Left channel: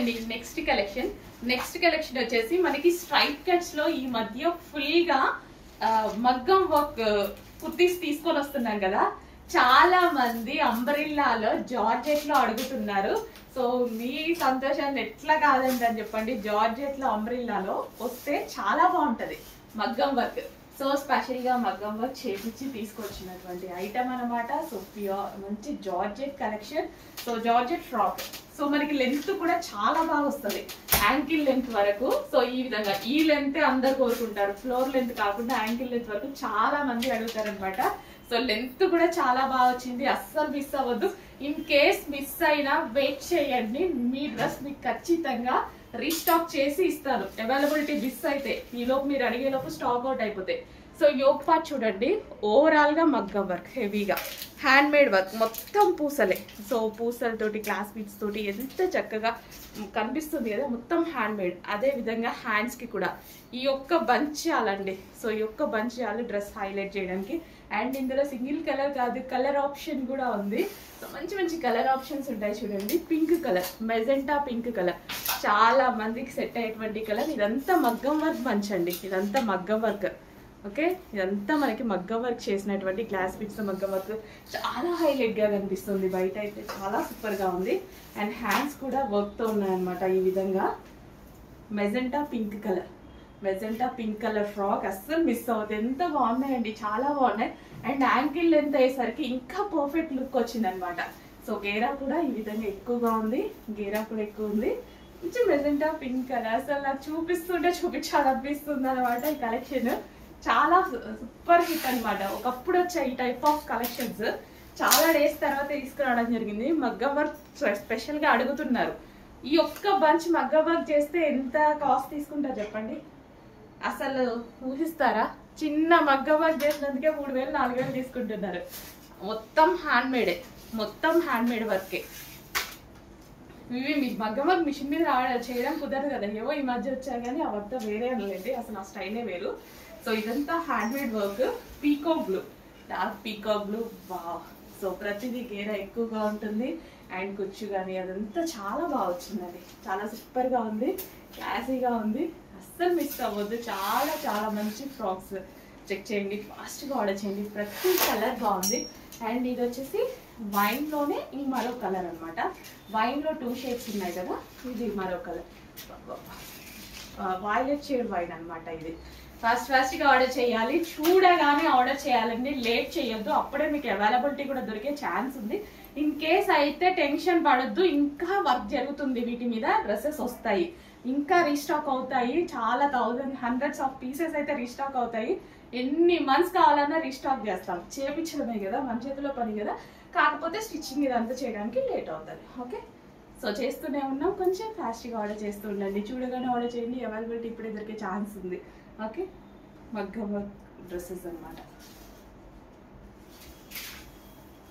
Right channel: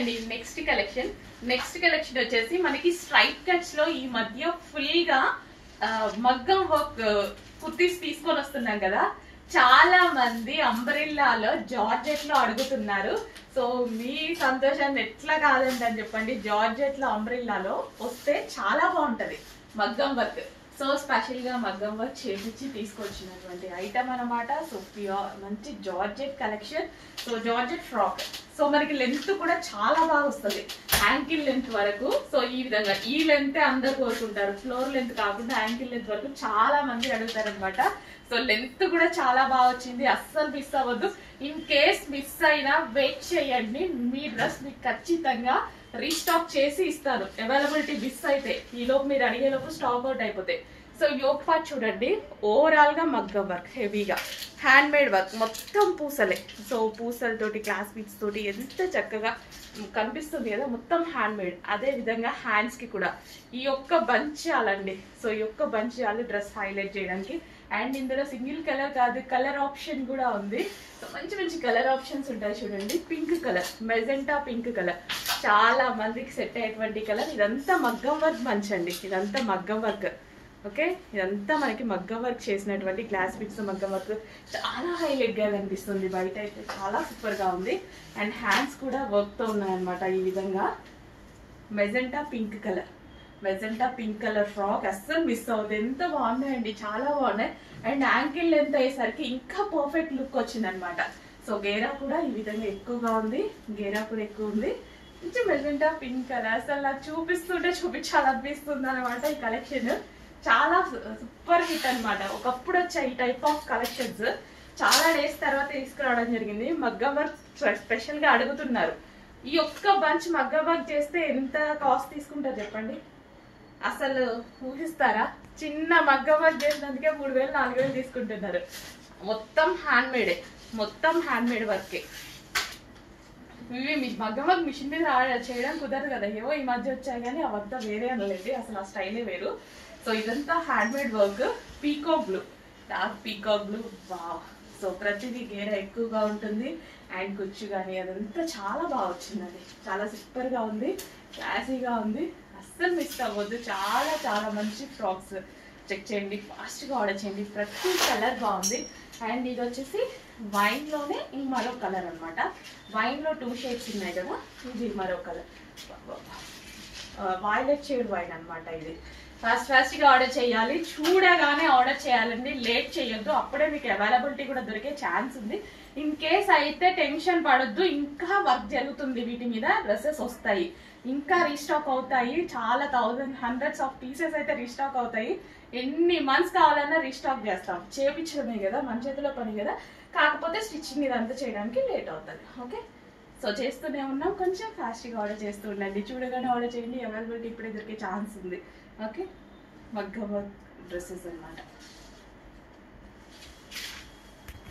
అండి next collection వచ్చేసి మనకి స్ట్రైట్ కట్స్ లో ఈ మధ్య ఫుల్ గా మగ్గం వర్క్ కుర్తీస్ తీసుకొని వస్తున్నాం కదా. చాలా మంది అంబ్రెల్లాలో జార్జెట్ లో అడుగుతున్నారు. సో మీ సంతోషాన్ని ఎట్లా కాదండి చెప్పండి. జార్జెట్ లో అంబ్రెల్లాలో వస్తే చాలా బాగుంటది మగ్గం వర్క్. సో స్పెషల్ గా మగ్గం వర్క్ చేపించి తీసుకొచ్చినటువంటి ఐటమ్ అనమాట. సో ప్యూర్ మంచి georgette collection. So georgette frock. So మనకి లెంత్ కూడా చాలా బాగా వస్తుంది, యాంకిల్ లెంత్ వరకు. సో ఈ విధంగా ఈ లెంత్ అందరు కోరుకుంటారు, ఫ్లోర్ లెంత్ కాకుండా యాంకిల్ లెంత్ వరకు చాలా మంది అడుగుతారు అనమాట. సో లెంత్ కూడా చాలా బాగా వచ్చింది, అస్సలు మిస్ అవ్వద్దు. ఇన్ కేస్ మిస్ అయినా వెయిట్ చేయండి, మీ డ్రెస్ మీకు ఖచ్చితంగా రీస్టాక్ చేసి ఇస్తాను. అవైలబిలిటీ మిస్ అయితే ఈలోపు మీరు అడిగేలోపు స్టాక్ అవుట్ అయిపోతాయి. సో యోగ్ పార్ట్ చూడండి, ఓవరాల్ గా మగ్గం వర్క్, హెవీగా హ్యాండ్ మేడ్ వర్క్, మొత్తం పూసలే. సో పూసలతోటి క్లాస్ బీడ్స్ తోటి ఎంత చక్కగా కనిపిస్తుంది కదా, మొత్తం హ్యాండ్ మేడ్. అదే విధంగా హ్యాండ్స్ కి కూడా ఈ యొక్క బంచ్ చాలండి. సో ఈ యొక్క బంచ్ చాలు డ్రెస్ హైలైట్ చేయడానికి. అండ్ ఇందులో సింగిల్ కలర్ కాదు, కలర్ ఆప్షన్ కూడా ఉంది. సో మంచి మంచి కలర్ ఆప్షన్స్ ఉంటాయి చూడండి. Pink colour, magenta pink colour, చాలా మందికి సెట్ అయ్యేటువంటి కలర్. ఇదంతా మగ్గం వర్క్ బంచ్ అండి, ఇదంతా మగ్గం వర్క్. ఓకే, ఇదంతా మనకి మగ్గం వర్క్ చేసినటువంటి గ్లాస్ బిట్స్ మగ్గం వర్క్. చాలా హైలైట్ గా కనిపిస్తుంది, బయట అయితే చాలా సూపర్ గా ఉంది. అండ్ హ్యాండ్స్ కూడా వర్క్ తో ఉన్నాయన్నమాట. ఈ విధంగా మెజెంటా పింక్ కలర్ ఫ్రాక్ అస్సలు మిస్ అవుతుంది. ఎంత బాగున్నాయండి, చాలా బాగున్నాయి. అండ్ యాంకిల్ లెంత్ అయ్యేసరికి ఇంకా పర్ఫెక్ట్ లుక్ వచ్చింది అనమాట. సో గేరా కూడా ఈ విధంగా ఎక్కువగా ఉంది, గేరా కూడా ఎక్కువ ఉంది. మంచి మెజెంటా పింక్ కలర్, అసలు నాకు చూపిస్తుంటే చూపించాలనిపిస్తుంది అనమాట. ఈ కలెక్షన్ చాలా సూపర్ హిట్ అనమాట. ఒకప్పుడు వచ్చాయి ఈ టైప్ ఆఫ్ కలెక్షన్స్, చాలా డేస్ తర్వాత తీసుకురావడం జరిగింది. మగ్గం వర్క్ స్పెషల్ గా అడుగుతున్నారు. ఈ ఒక్క బంచ్ మగ్గం వర్క్ చేస్తే ఎంత కాస్ట్ తీసుకుంటారు చెప్పండి, అసలు ఊహిస్తారా? చిన్న మగ్గం వర్క్ చేసినందుకే 3000 4000 తీసుకుంటున్నారు. మొత్తం హ్యాండ్ మేడే, మొత్తం హ్యాండ్ మేడ్ వర్కే. ఇవి మీ మగ్గం వర్క్ మిషన్ మీద చేయడం కుదరదు కదా, ఏవో ఈ మధ్య వచ్చాయి కానీ అవంతా వేరే అనలేదు, అసలు ఆ స్టైలే వేరు. సో ఇదంతా hand made work, peacock blue, dark peacock blue. Wow. So ప్రతిదీ గేర ఎక్కువగా ఉంటుంది. అండ్ కుచ్చు కానీ అదంతా చాలా బాగా వచ్చిందండి, చాలా సూపర్ గా ఉంది, క్లాసీగా ఉంది. అస్సలు మిస్ అవ్వద్దు. చాలా చాలా మంచి ఫ్రాక్స్. చెక్ చేయండి, ఫాస్ట్ గా ఆర్డర్ చేయండి. ప్రతి కలర్ బాగుంది. అండ్ ఇది వచ్చేసి వైన్ లోనే ఇంక మరో కలర్ అనమాట. వైన్ లో 2 షేడ్స్ ఉన్నాయి కదా, ఇది మరో కలర్, వైలెట్ షేడ్ వైన్ అనమాట. ఇది ఫాస్ట్ గా ఆర్డర్ చేయాలి, చూడగానే ఆర్డర్ చేయాలండి, లేట్ చేయొద్దు. అప్పుడే మీకు అవైలబిలిటీ కూడా దొరికే ఛాన్స్ ఉంది. ఇన్ కేస్ అయితే టెన్షన్ పడొద్దు, ఇంకా వర్క్ జరుగుతుంది వీటి మీద, డ్రెస్సెస్ వస్తాయి, ఇంకా రీస్టాక్ అవుతాయి. చాలా హండ్రెడ్స్ ఆఫ్ పీసెస్ అయితే రీస్టాక్ అవుతాయి. ఎన్ని మంత్స్ కావాలన్నా రీస్టాక్ చేస్తాం. చేపించడమే కదా, మన చేతిలో పని కదా, కాకపోతే స్టిచ్చింగ్ ఇదంతా చేయడానికి లేట్ అవుతుంది. ఓకే, సో చేస్తూనే ఉన్నాం, కొంచెం ఫాస్ట్గా ఆర్డర్ చేస్తూ ఉండండి. చూడగానే ఆర్డర్ చేయండి, అవైలబిలిటీ ఇప్పుడే దొరికే ఛాన్స్ ఉంది. ఓకే, మగ్గం వర్క్ డ్రెస్సెస్ అనమాట.